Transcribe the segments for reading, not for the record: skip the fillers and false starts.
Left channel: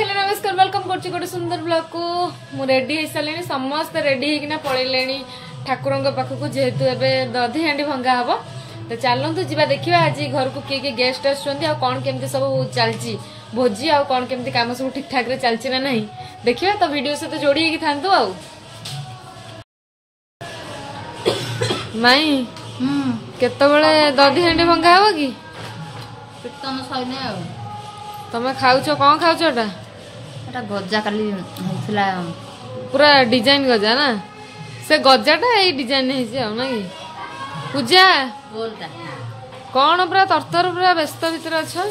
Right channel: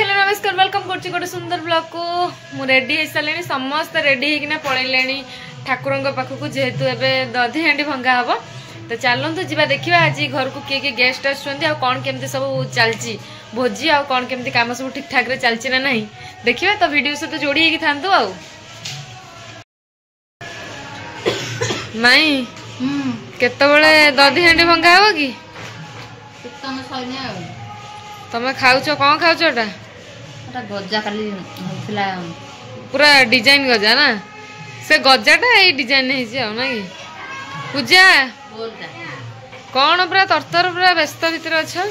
hello नमस्कार welcome कर गोटे सुंदर ब्लॉग को मु रेडी हो सारे समस्त रेडी होना पड़े ठाकुर पाखक जेहेतु एवं दधी हांडी भंगा हम तो चलतु जी देखा आज घर को किए किए गेस्ट आसुँच केमती सब चलती भोजी आउ कौन केमती काम सब ठीक ठाक चलती ना नहीं देखिए तो वीडियो सहित जोड़ी होगी था माई केतबले दधी हांडी भंगा हम कि तमें खाऊच कौन खाऊच गजा काली पूरा डिजाइन गजा ना से गजाटा ये डिजाइन ना पूजा कौन पूरा तरतर पूरा व्यस्त भितर अच्छा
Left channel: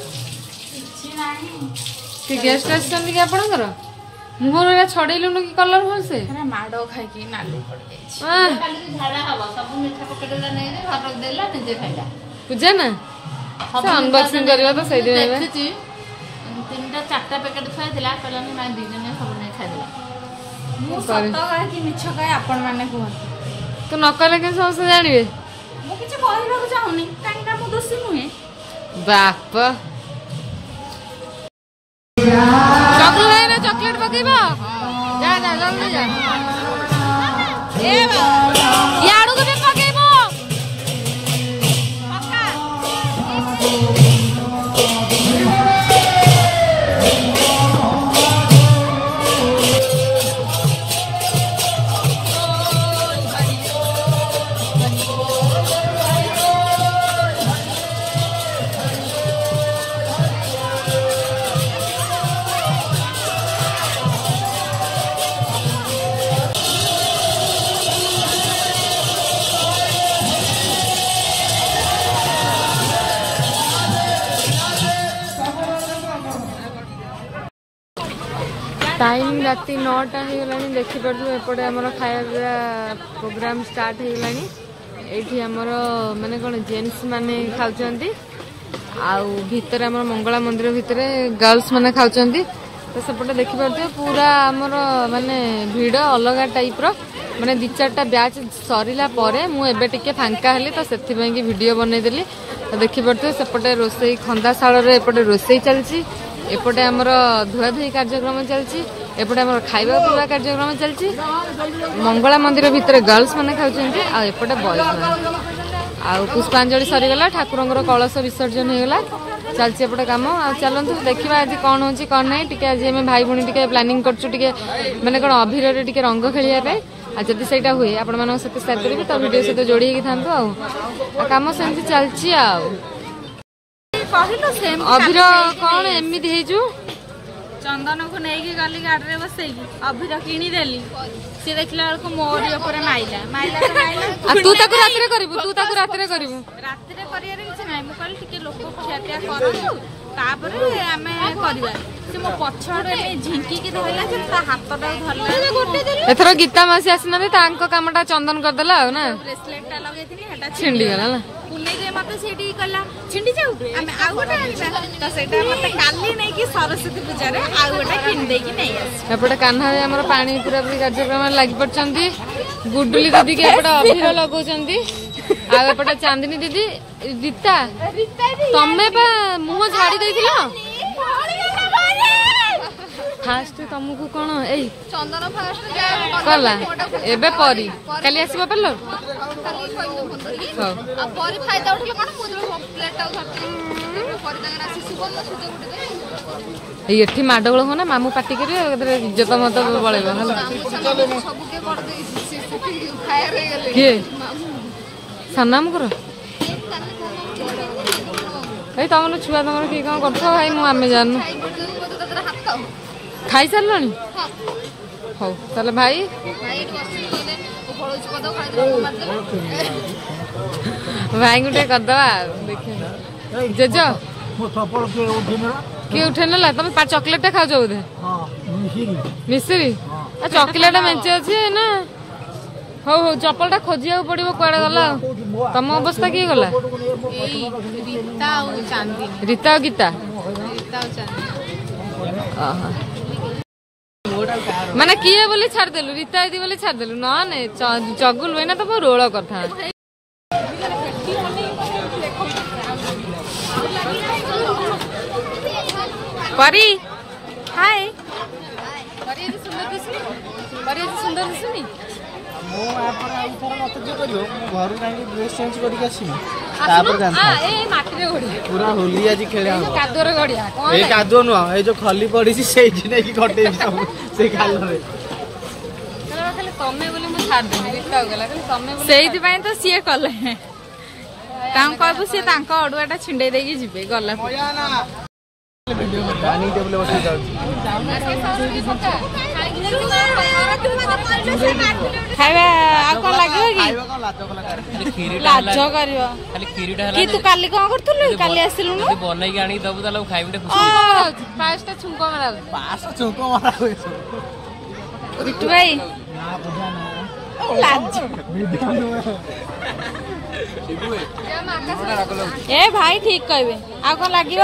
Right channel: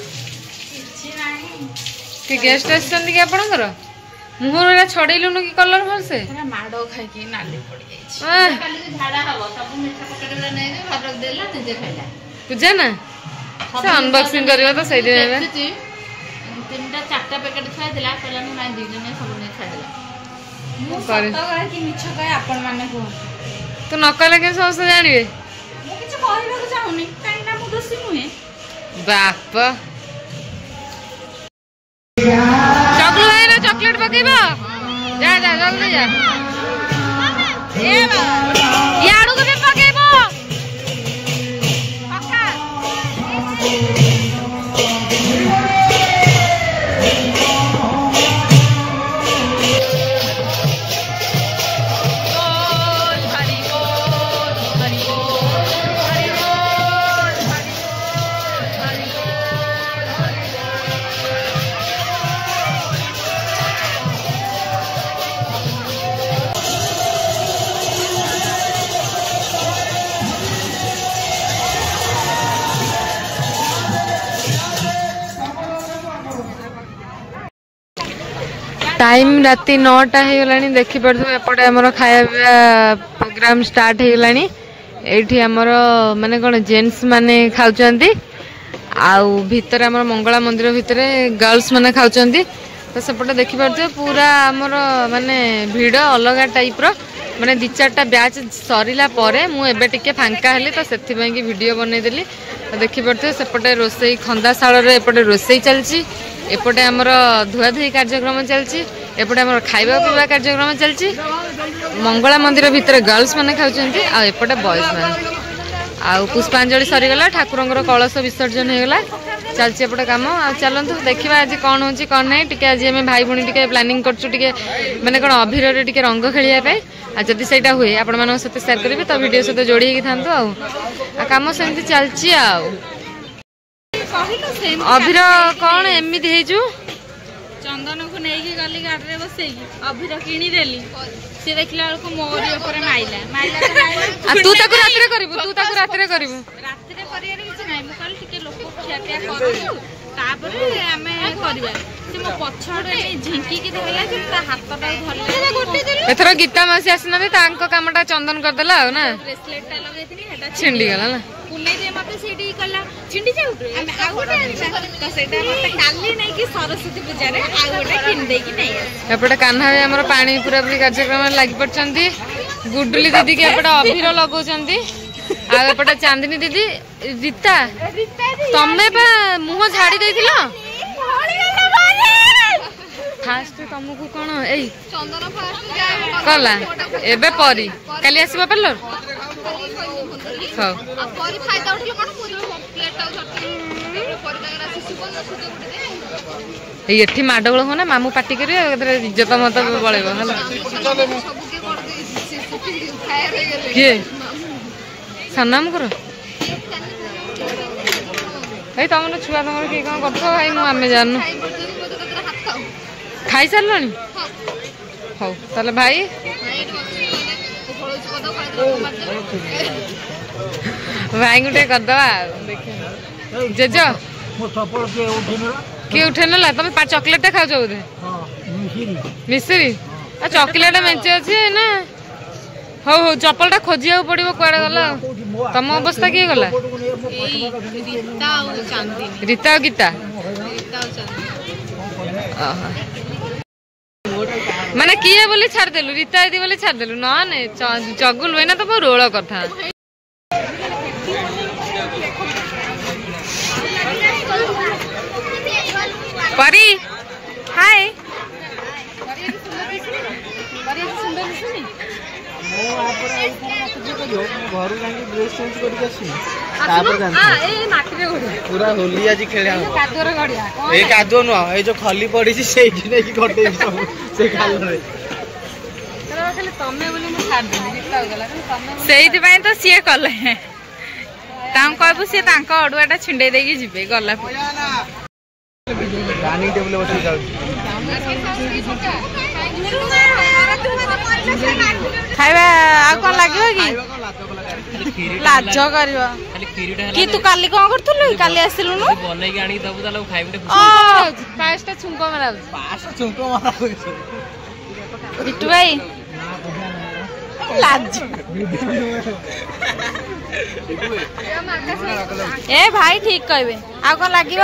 कि गेस्ट आसछन कि आपनकर मुहर छड़ेलुन कि कलर भल से माड़ खाई नाली पूजा ना अनबॉक्सिंग करबा तो सही दिन तीनटा चारटा पैकेट खाइला कहला मु नाइ दिन में सब नहीं खाइला मु सॉरी सत्ता कह कि मिछ कह आपन माने को तो न कहले के सब से जानिबे मु किछ कहबा को चाहुनी काई ना मु दोषी मुहे बाप चॉकलेट है ना चॉकलेट पकेबा जा जा जल्दी जा ए बा याडू के पकेबो टाइम राति 9टा हो गलानी देखी पार्थे एपटे आमर खाया प्रोग्राम स्टार्ट हो गलानी एठी आमर माने कोन जेंट्स माने खाउचंती आउ भीतर आमर मंगला मंदिर भीतर गर्ल्स माने खाउचंती तो सेपटे देखी पार्थे पूरा आमर माने भीड़ अलग टाइप रो माने 2-4टा बैच सरीला परे मु एबे टिके फांका हेली तो सेथि पई कि वीडियो बनै देली तो देखी पार्थे सेपटे रोसई खंदाशाल रे एपटे रोसई चलची एपटे आमर धुआधुई कार्यक्रम चलची एपटे आमर खाइबा पीवा कार्यक्रम चलची मंगला मंदिर भीतर गर्ल्स माने खाउचंती आ एपटे बॉयज माने आ पुष्पांजलि सरीगला ठाकुरंगर कलश विसर्जन होगला चलची एपटे काम आ चलंतु देखिबा आज कोन होची कोन नै टिके आज हम भाई भणी टिके प्लानिंग करछु टिके माने कोन अभिर रे टिके रंग खेलिया पे आ जदी सेटा हुए आपण मानन सते शेयर करबी तो वीडियो सते जोड़ी होगी थांतो आ काम सेमती चलची आ अभिर कौन एमती हेजु चंदन को नहीं गली गाड़ी रे बसैकी अभिर किनी देली से देखला को मोरी ऊपर माइला माइला तो माइला आ तू ताको रात्रे करिवु रात्रे करियारे किछ नै मु कहली टिके लोक खियापिया करु तापरे आमे करबा से मो पछड़े नै झिंकी की धइला जे ता हातटा धरला एथरो गीता मासी आसना तांको कामटा चंदन कर देला ना ब्रेसलेट टा लगैतनी हेटा छिंडी गला ना पुनै जे मते सेडी कला छिंडी जाउ आमे आ गोटे आनिबा तो सेटा मते काली नै कि सरस्वती पूजा रे आ गोटे किन दे कि नै एपटे कान्हा भाई हमर पानी पूरा पूरी कार्यक्रम लागि पड़चंती गुडुली दीदी के एपटे अभिर लगौचंती आ एपटे चांदनी दीदी रीता तमे बा मुह झाड़ी दैथिलो फास्ट तुमको कौन ए चंदन फास्ट कला एबे परी काली आसीबा पार्लर हां परी फायदा उठले कोन पूरी प्लेट आउ धरते परी दागर आसी सुबन सुते गुटे दे एठी माडगोळ होना मामू पार्टी करिवे इज्जत मत बळेबो हला सब के कर दे फायर हो गेले के सनाम करो ए तमन छुआ तमन की कोन करथो भाई मु आमे जाननु खाई सारलनी हो ताले भाई भाई गुटे कर दवा देखे जेजो किए उठे ना तुम चॉकलेट खाऊ बोधे मिश्री चॉकलेट मेचे अच्छे ना हो हो चप्पल टा खोजिया पड़ो कुआड़े गला तम अवस्था किए गला रीता और गीता माने किए बोली छाड़ देलु रीता दीदी बोली छाड़ देलु ना ने चगुल होइना तो बहुत रोल कथा परी हाय पूरा होली आज खेले कादुआ नुह ये जो खली पड़ी से तो सी कले कहबू सी अड़ुआटा छिंडे देकी जीवे गला खाଇବା ଆଉ କଣ ଲାଗିବ କି ଲାଜ କରିବ କି ତୁ କାଲି କଣ କରୁଥିଲୁ କାଲି ଆସିଲୁନୁ ବନେଇକି ଆଣିକି ଦବୁ ତାହେଲେ ଖାଇବି ପାସ୍ଟା ଛୁଙ୍କ ମାରା ବିଟୁ ଭାଇ ଲାଜ ए भाई ठीक कहबे आ कौन लागिव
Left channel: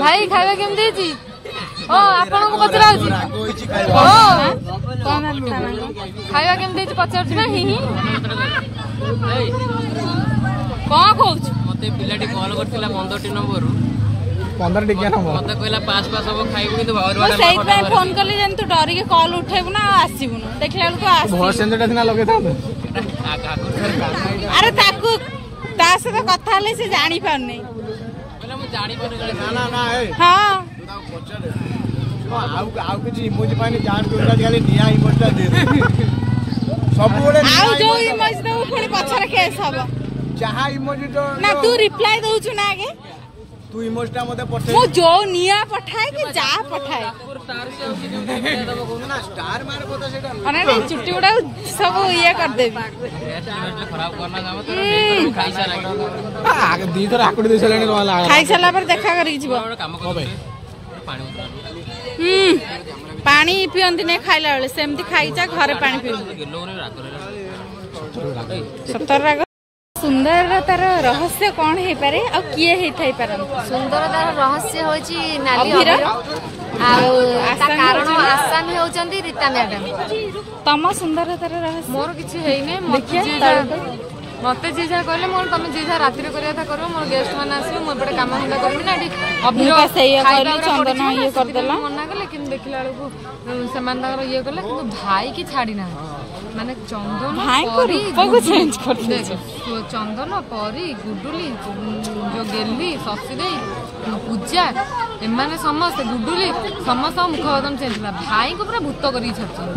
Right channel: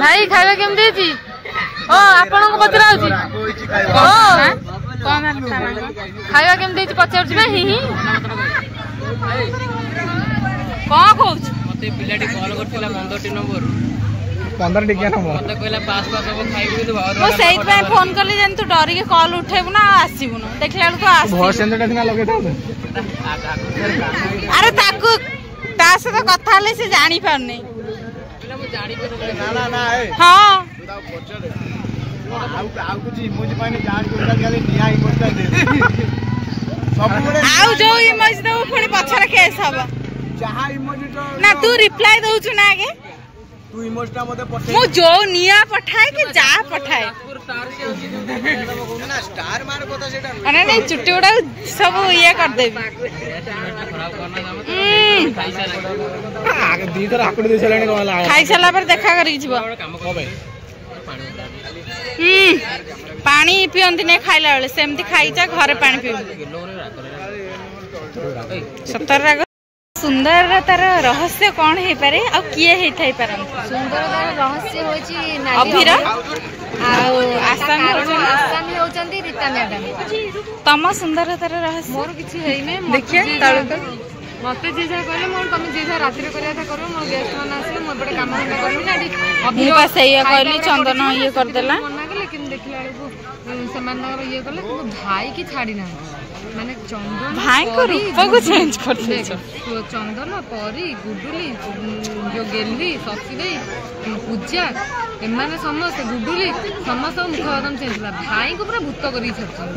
भाई खाଇବା केमती छी ओ आपन को पचरा होची ओ कोन खाଇବା केमती छी पचर छी ही कोन कहूछ मते पिलाटी कॉल करथिला 15 नंबर 15 टिकिया नंबर मते कहला पास पास सब खाइबो तो मो सेइत पे फोन करली जन तू डरी के कॉल उठेबु ना आसीबु न देखला को आसी बहुत सेंटर दिना लगे था अरे ताकू ता से तो कथा ले से जानी पार नहीं पहले मु जानी पर ना ना हां आउ कुछ इमोजी पानी जान के उठा दियाले निया इमोजी दे सब बड़े आउ जो इमोजी दो पुणी पछरा केस हबो जहां इमोजी तो ना तू रिप्लाई दउछु ना आगे तू इमोजी ता मते पठे मु जो निया पठाए कि जा पठाए स्टार मार को तो सेटा अरे नहीं चुट्टी उड़ा सब ये कर देबी खराब करना जाम तो आगे दी तर आकुड़ दे चलाने को वाला खाई साला पर देखा करी जीव काम कर पानी पानी पियंती नहीं खाइला बेले सेमती खाइचा घरे पानी पियो सतर राग सुंदर तार रहस्य कौन है पारे आ किए हे थाई पारन सुंदरतार रहस्य होची अभिर आसामी होचंदी रीता मैडम तम सुंदरतार रहस्य मोर किछि हेई नै देखिए ताळु मते जे जा कहले मोर तमे जे जा रात्रि करिया था करो मोर गेस्ट मन आसी मोर बडे काम हंदा करबी ना अभी बस ये कहली चंदन ये कर देला मना के लेकिन देखला को समान ये कहले किंतु भाई की छाड़ी ना माने चंदन भाई को रूप को चेंज कर दे चंदन परी गुडुली जो गेली ससी दे पूजा एमाने समस्त गुडुली समस्त मुखगम चेंज ला भाई को पूरा भूत करी छछन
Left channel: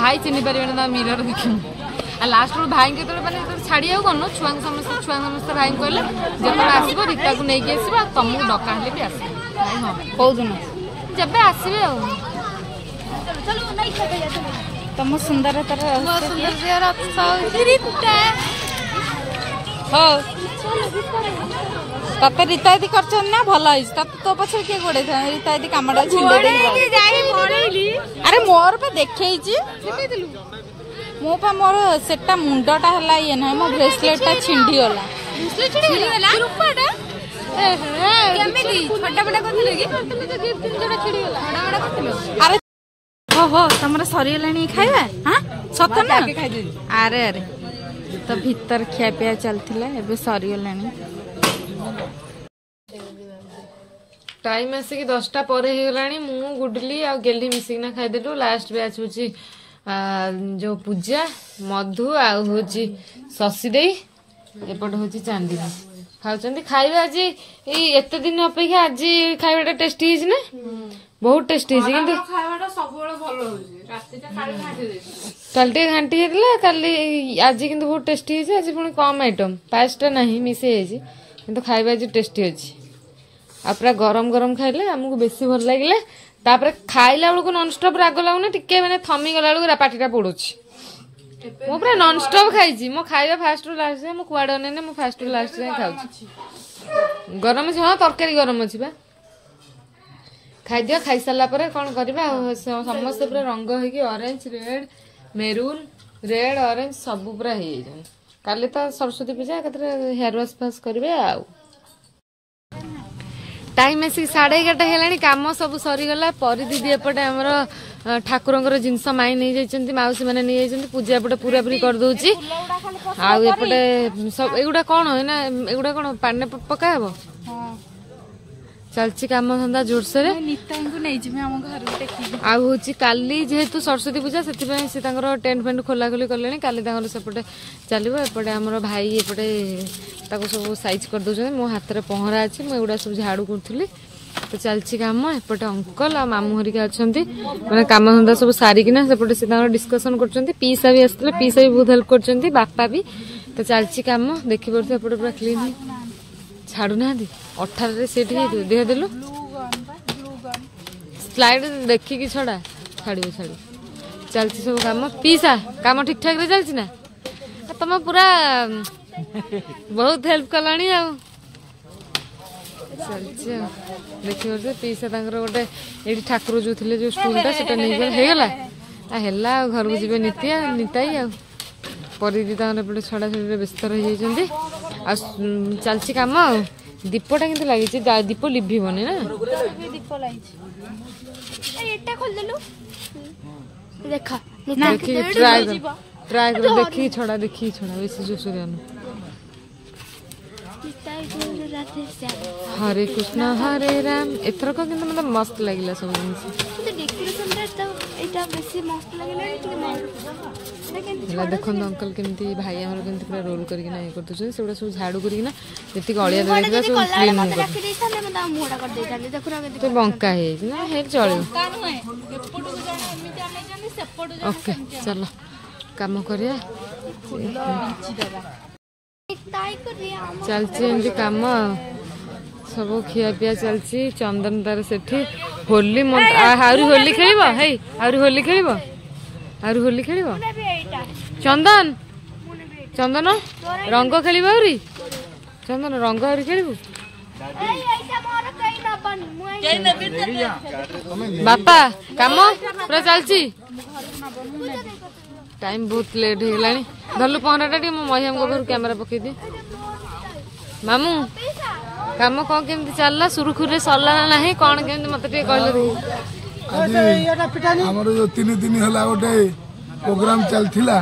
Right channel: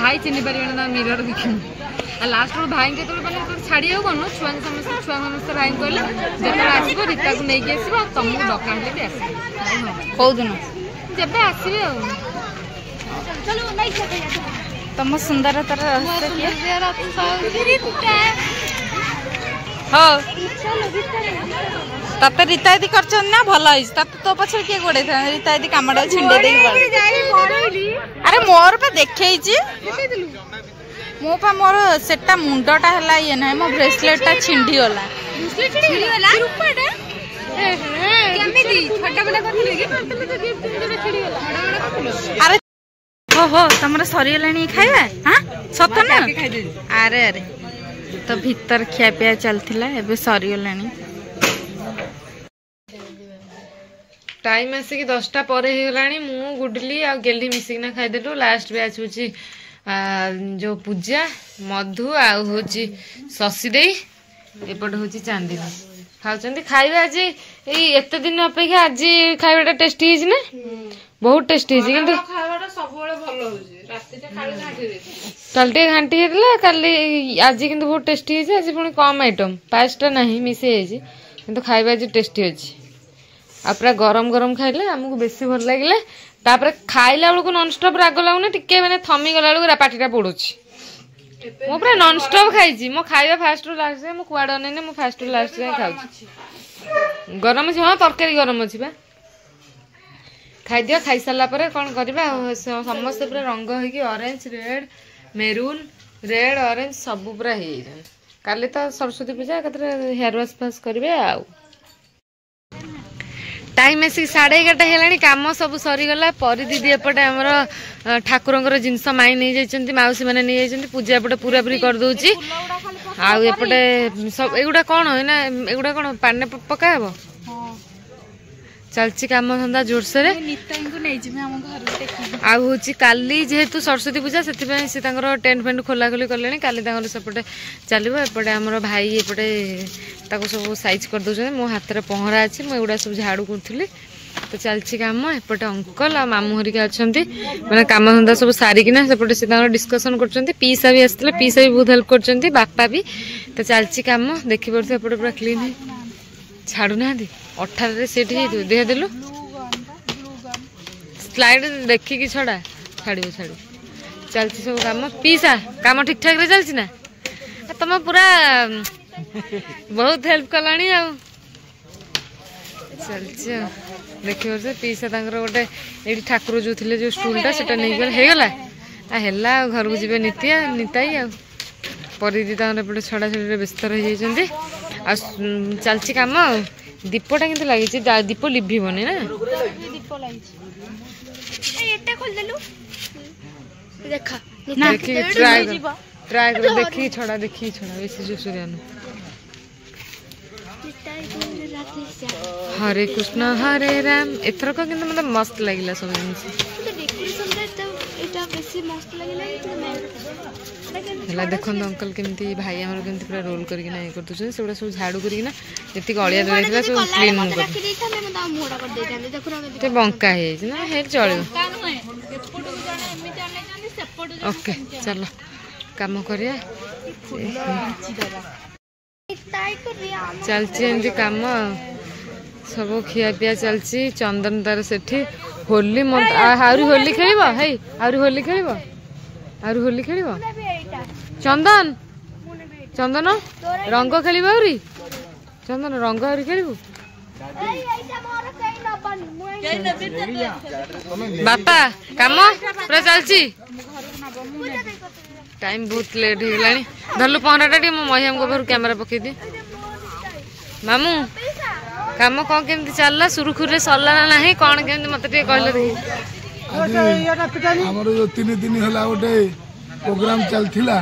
भाई चिनि परिबे ना मिरर देखिन आ लास्ट रो भाई के तो माने छाड़ी आउ कोन छुआ समस्त भाई कहले जेतला आसीबो रीता को नै के आसीबो तुमको डका हले भी आसी हां को दिन जबे आसीबे आ तम सुंदरतार रहस्य किए हो तते रीता दी करछन ना भल होइस तते तो पछे के गोडे था रीता दी कामडा छिंडे देई अरे मोर पे देखैछि मो पा मोर सेटा मुंडटा हला ये ना मो ब्रेसलेटटा छिंडी होला रूपाटा केमिति छोटा बडा करथिले कि अरे हो तमरा सरियलानी खाइबा हां सत ना अरे अरे तो भीतर खिया पिया चलथिला एबे सरियलानी टाइम आसिक 10टा पर हो गलानी मु गुडली आ गेली मिसिकना खाइदेलु लास्ट बैच होची जो पूजा मधु आ होची शशि देई एपट होची चांदिनी खाउचंदी खाइबा आज एते दिन अपेक्षा आज खाइबाटा टेस्टी हिज ना बहुत टेस्टी हिज किंतु खाइबाटा सबले भलो होजी राती ते खाइ घांटी दे कालटे घांटी हेतला काली आज किंतु बहुत टेस्टी हिज आज पुणी कम आइटम पास्ता नहीं मिसे हिज किंतु खाइबा आज टेस्टी अछि आ पूरा गरम गरम खाइले हमको बेसी भल लागिले तापर खाइला बेलको नॉन स्टॉप राग लागुना टिके माने थमी गला बेलको पाटीटा पडुछि मो पूरा नॉन स्टॉप खाइछि मो खाइबा फास्ट रु लास्ट मो कुआडो नै मो फास्ट रु लास्ट जाय खाउछि गरम छ हां तरकारी गरम अछि बा खाइ दियो खाइ साला परे कोन करबा समस्त पूरा रंग है कि orange red maroon red orange सब पूरा हे जन काले तो सरस्वती पूजा कतरे हेयर वॉश फास करबे आ टाइम आसिक 11:30 हेलानी काम सब सरीगला परी दीदी एपटे आमर ठाकुरंकर जिनस माई नहीं जाइछन्ती माउसी माने नहीं जाइछन्ती पूजा एपटे पूरा पूरी कर दउची आ एपटे सब एगुडा कोन है ना एगुडा कोन पाने पका हेबो चलची काम धंदा जोरसे आउची काली जेहेतु सरस्वती पूजा से सी टेंट फेंट खोला खोली कले काली सेपटे चलो एपटे आमर भाई एपटे सब साइज कर दौरान मो हाथ में पहरा अच्छी मुझा सब झाड़ू करी तो चलती कम एपटे अंकल आ मामू हरिका अच्छा मैंने कम धंदा सब सारिकिना सेपटे से डिस्कसन कर पीसा भी आसते पीसा भी बहुत हेल्प कर बापा भी तो चलती कम देखी पड़े एपटे पूरा क्लीन है छाड़ू ना 18 सीट देह देलु स्लाइड देखिकी छड़ा छाड़ छाड़ी चलती सब कम पीसा कम ठीक ठाक रे चलती ना तुम पूरा बहुत हेल्प कलानी आ चलती देखी पारे पीसा गोटे ये ठाकुर जो थे जो स्टूलटा से नहीं गला है घर को जी नीतिया नीताई आ परिदी एपटे छड़ा छड़ी व्यस्त रही चलती कम दीपटा के लगी दीप लिभन ना ट्राई कर देखी छड़ा बेसी जो सूर्य हरे कृष्ण हरे राम एथरक किंतु मतलब मस्त लगिला सब जिनिस देखो अंकल केमती भाई आमर केमती पूरा रोल करके ना कर दउछन सेगुडा सब झाड़ू करके ना जति अलिया रहइला सब क्लीन कर बंका है ना हे चलियो ओके चलो काम करिया चलची एमती काम सब खिया पिया चलची चंदन तार सेठी होली आहुरी होली खेलिब हे आहुरी होली खेलिब आहुरी होली खेलिब चंदन चंदन रंग खेलिब आहुरी चंदन रंग आहुरी खेलिब बापा काम पूरा चलची टाइम बहुत लेट हो गलानी धरलु पहराटा टी महिम को कैमेरा पकई दे मामू काम कौन केमती चलला सुरुखुरे सरला ना नहीं कौन केमती मत टे कहले हमर जो 3 दिन हला गोटे प्रोग्राम चलथिला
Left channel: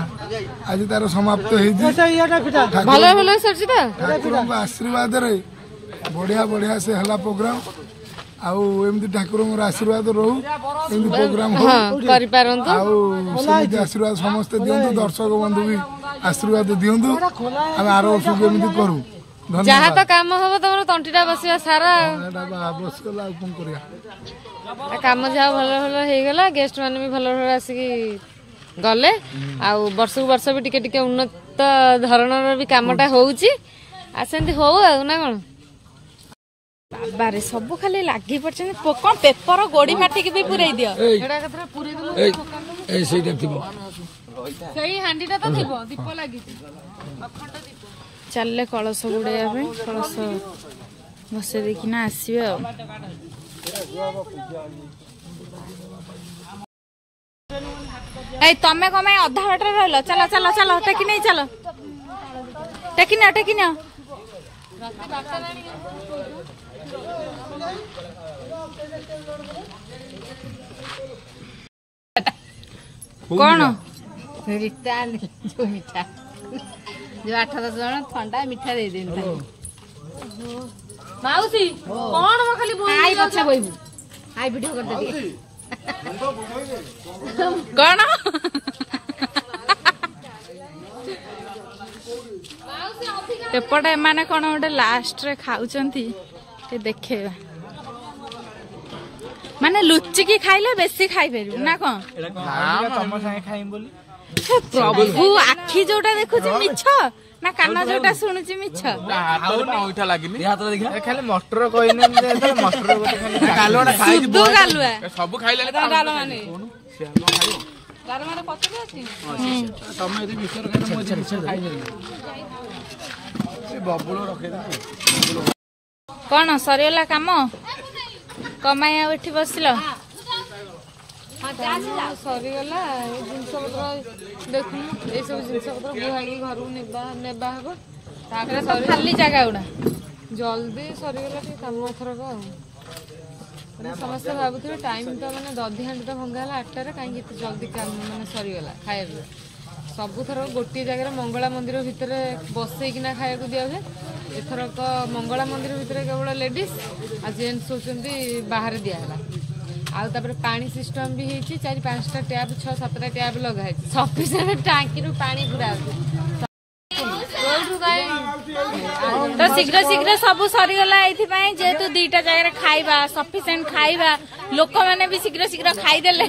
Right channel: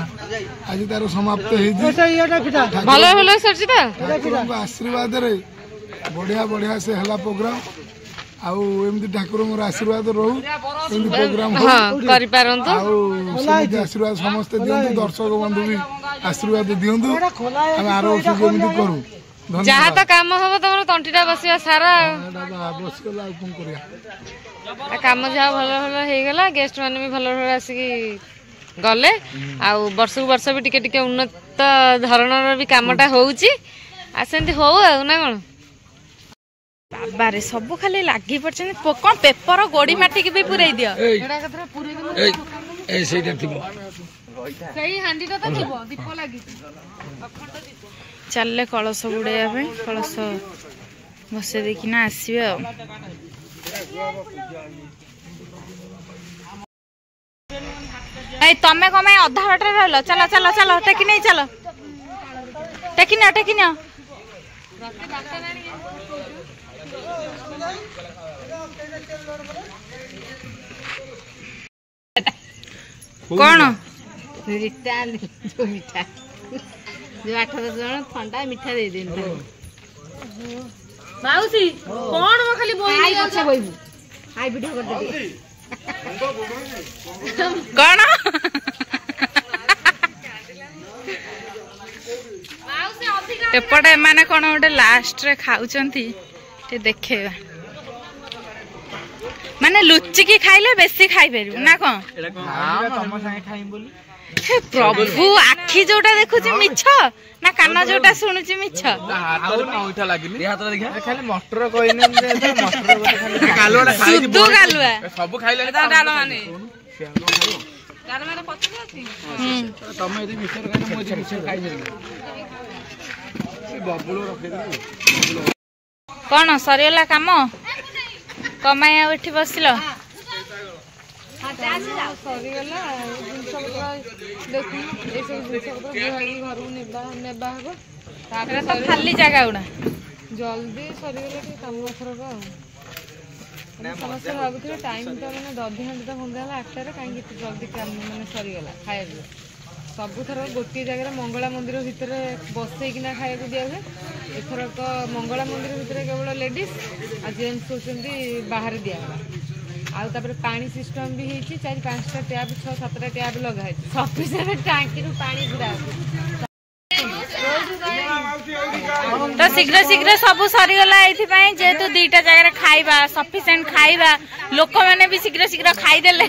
आज तार समाप्त हे जी भलो भलो सरची ता ठाकुर को आशीर्वाद रे बढ़िया बढ़िया से हला प्रोग्राम आउ एमती ठाकुर आशीर्वाद रहू एमती प्रोग्राम हो करि पारंतु आउ समिति आशीर्वाद समस्त दियंतु दर्शक बंधु भी आशीर्वाद दियंतु हम आरो वर्ष एमती करू जहा तो काम हबो तमर तंटीटा बसिया सारा आवश्यक ला कोन करिया काम जहा भलो भलो हे गेला गेस्ट माने भी भलो भलो आसी गले आ वर्ष को वर्ष भी टिके टिके उन्नत धरणर भी कामटा होउची आसेंती हो ना कोन बाबारे सब खाली लागी पड़छन कौन पेपर गोड़ी माटी के भी पुराई दियो एडा कतरा पुराई दनु ए सेटा थिबो सही हांडीटा तो थिबो दीप लागी अखंड दीप चलले कलश गुड़ाइया पे कलश बसे देखिना आसबे आ तमें कमे अधा बाटे रहल चलो चलो चलो टेकी नहीं चलो टेकी ना कौन जो मिठा जो 8-10 जन ठंडा मिठा दे देन माउसी कोन म खाली बोल आई पछा बोइबू आई वीडियो कर दे कौन एपटे माने कौन गोटे लास्ट रे खाउचंती ते देखेबा माने लुचिकी खाइले बेसी खाइ परिबु ना कोन तम साथे खाइम बोली हे प्रभु आखी जोटा देखुची मिछ ना कान जोटा सुनुची मिछ हाथ में ओइठा लागिनी हाथ देखा खाली मटर कइने मटर गोटे खाली सुदु गालुआ सब खाइले डाल माने डाल माने पचले अछि तमे एदी मिछ खाइ देबे बबुलो रखे दे कौन सरियला काम कमाई आ उठी बसिल सरीगला जिनस पत्र देखु ये सब जिनस पत्र बुहाई घर को नेबा हेबो खाली जगह गुड़ा जल्दी सरीगला ठीक कम एथरक समस्त भावुथे टाइम तो मैंने दधि हांडी तो भंगा 8टार कहीं जल्दी मैंने सरीगला खाया सबुथर गोटे जगह मंगला मंदिर भितर बसईकिना खाया दिया हुए एथरक मंगला मंदिर भितर केवल लेडीज आ जेन्ट्स होती बाहर दिगला आउे पानी सिस्टम भी होती 4-5टा टैप 6-7टा टैप लगाई सफिसीयंट टांकी पानी पूरा तो शीघ्र शीघ्र सब सरीगला जेहेतु 2टा जगह खाइबा सफिशिएंट खाइबा लोक मैंने भी शीघ्र शीघ्र खाईदेले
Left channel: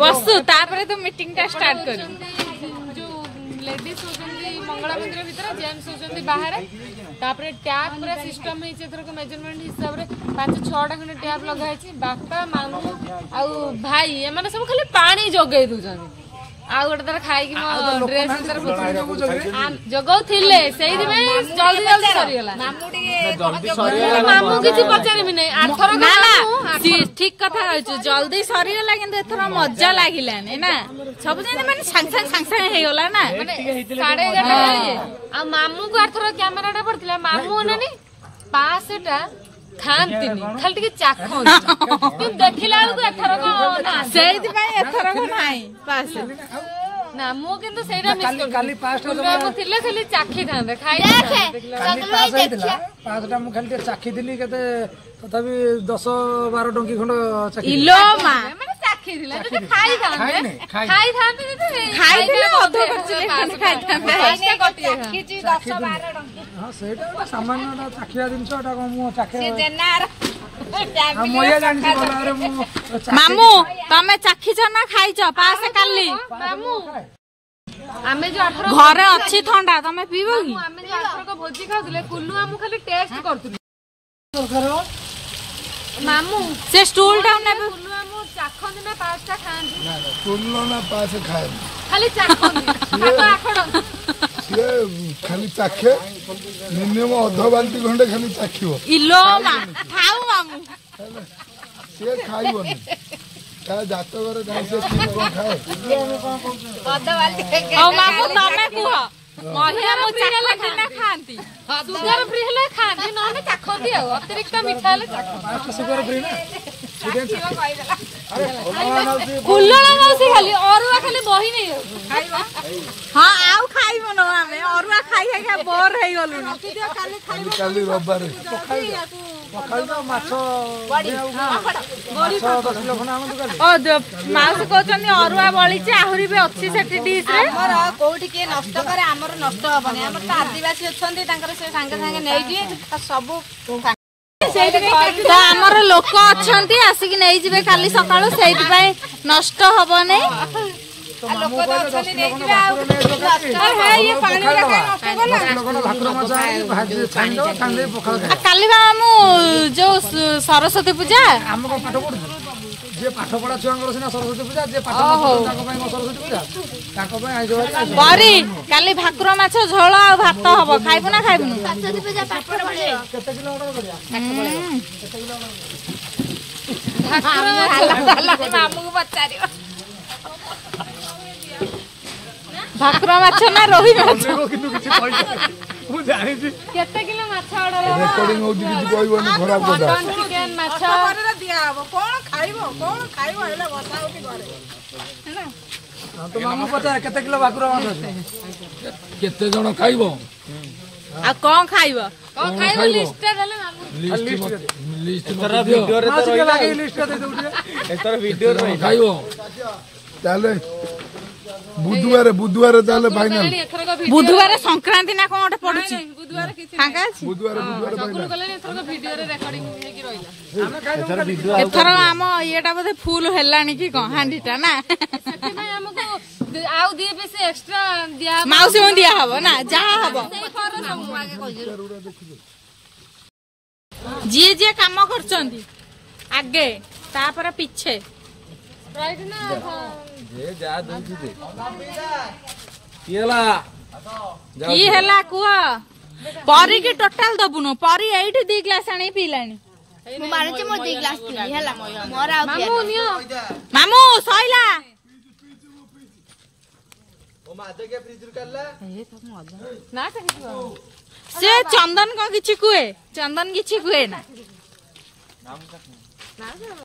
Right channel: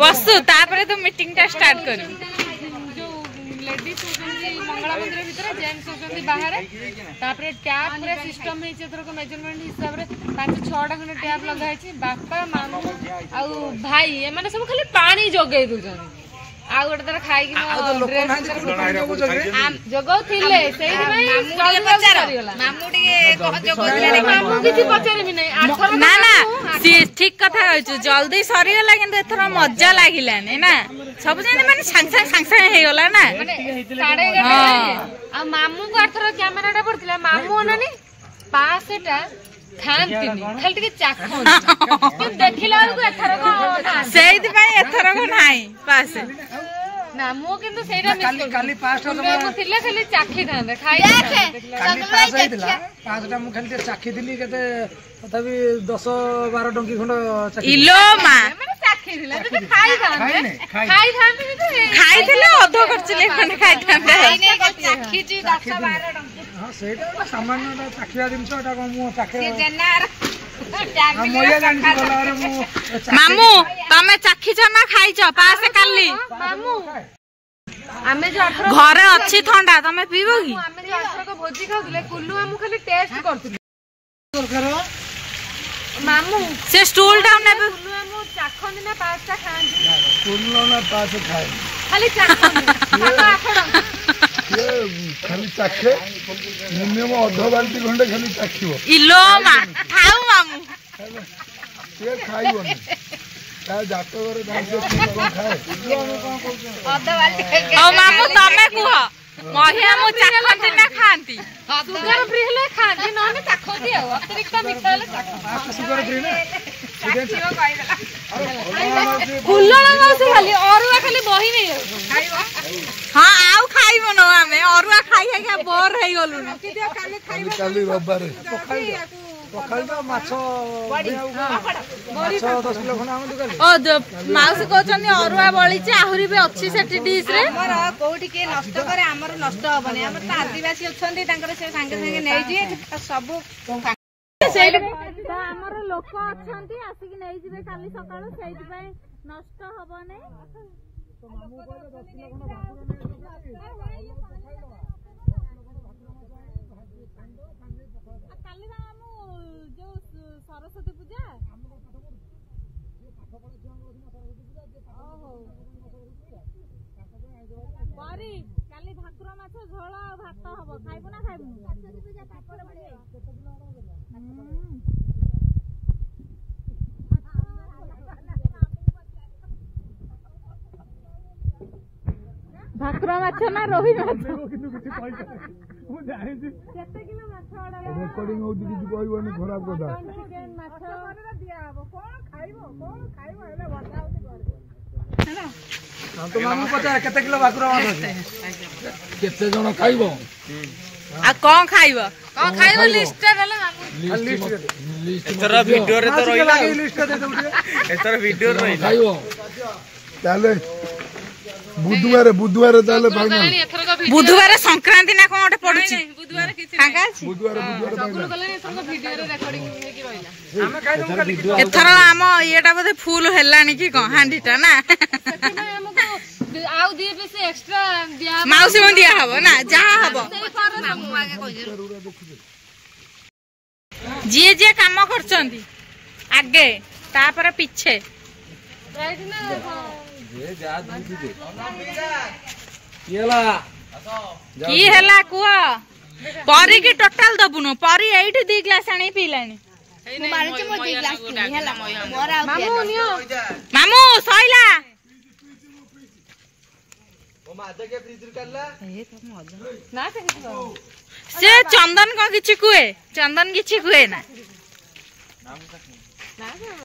बसु तापर तो मीटिंग टा स्टार्ट कर लेडीज होती मंगला मंदिर भितर जेन्ट्स होती बाहर तापर टैप पूरा सिस्टम मेजरमेंट हिसाब से 5-6टा खंडे टैप लगाई बापा मामू आउ भाई एम सब खाली पानी जगई दूसरी आउ गोटे थर खाई मो ड्रेस जगौ थिले सेही में जल्दी जल्दी सरीगला मामू किछि पचारबी नै आठर ना ठीक कथा कहछु जल्दी सरीगला किंतु एथर मजा लागिलानी ना सब जने माने सांग सांग हे गला ना माने 11:30 आ मामू को आठर कैमराटा पड़थिले मामू नानी 5टा खाती खाली टिके चाखन देखिला को एथर सेही पई एथर को नाही पास ना मु किंतु सेटा मिस कर काली 5टा मु थिले खाली चाखी थांदे खाई पाँचटा मु खाली चाखी दिली केते तथापि 10-12 टंकी खंड चाखी इलो मा माने चाखी दिला तो खाई थांदे खाई थांदे खाई थिले अध करचले खंड खाई थांदे चाखी जी 10-12 टंकी हां सेटा सामान्यटा चाखिया दिन छटा को मु चाखे जेनार मोया जानछि बोला रे मु मामू तमे चाखी छ ना खाई छ पास काली मामू आमे जो घरे अछि ठंडा तमे पीबो की आमे जो को भोजी खाउले कुल्लू हमु खाली टेस्ट करथि मामू से स्टूल डाउन ने मु चाखन में 5टा खांदी कुल्लो ना 5 खाए खाली चाखन ये खाली चाखे मिनिमम अध बाल्टी खंडे खाली चाखिबो इलो मा खाऊ मामू ये खाइबो ता जातो घर गाइसे खाए ओ मामू तमे कुह महिया मु चाखंती ना खांती सुगर फ्री ले खांदी न ने चाखंती आ अतिरिक्त मीठा ले चाखंती सुगर फ्री ना कुल्लो ना से खाली औरवा खाली बही नहीं खाइबो हां आउ खाइबो न हमें औरवा खाई खाई बोर हे गलु न काली काली रबारे पखाइबा माछो बड़ी ओ माउस कहछनी औरवा बळी चे आहुरी भी अछि सेठी डिश रे हमर कोठी के नष्ट करे हमर नष्ट हबनी हमर त आदिवासी अछंती तांकर से संगे संगे नै दिए सब हमर लोक अछंती आसी कि नै जिवे काली सकाळो सेति पई नष्ट हबो नै काली मामू जो सरस्वती पूजा जे पाठ पढ़ा छुआंगर सिना सरस्वती पूजा जे पाठ ताको पई सरस्वती पूजा ताको पई आइ जवारी बरी काली भाकुर माछ झोल आ भात हबो खाइबो ना खाइबो सरस्वती पूजा पाठ पढे केते किलोमीटर बढ़िया मामू को पचारियो भाकुर माछ ना रोही माछ किनु किछि कहि मु जानि छी केते किलो माछ ऑर्डर रेकॉर्डिंग होती किछि कहबोनी खराब কথা चिकन माछ घरे दिया हबो कोन खाइबो हेले बसा उठी घरे हैना तो मामू पता केते किलो भाकुर माछ केते जण खाइबो आ कोन खाइबो लिस्ट देले मामू लिस्ट तोरा वीडियो रे तो रहिला लिस्ट दे दउ एतर वीडियो रहिला खाइबो ताले बुधवार ताले फाइनल बुधवार संक्रांति ना कोन ओटे पडुची बुधवार किछि फांका अछि बुधवार फाइनल गले एथरक वीडियो रे रेकॉर्डिंग हे कि रहिला हम खाइ वीडियो एथर हम येटा बोधे फुल हेलानी की कोन हांडीटा ना सेति हमको आउ दिए पे से एक्स्ट्रा दिया माउसी को दिया हबो ना जहां हबो जे काम करचंती आगे तापर पीछे राइट ना जे जा दूची दे येला की हैला कुआ परी की टोटल दबुनो परी 8 2 ग्लास आनी पीलानी मु माने छ मो 2 ग्लास पीली हला मोरा आ मामू नियो मामू सइला ସେ ଚନ୍ଦନ କଣ କିଛି କୁହେ ଚନ୍ଦନ କିଛି କୁହେ ନା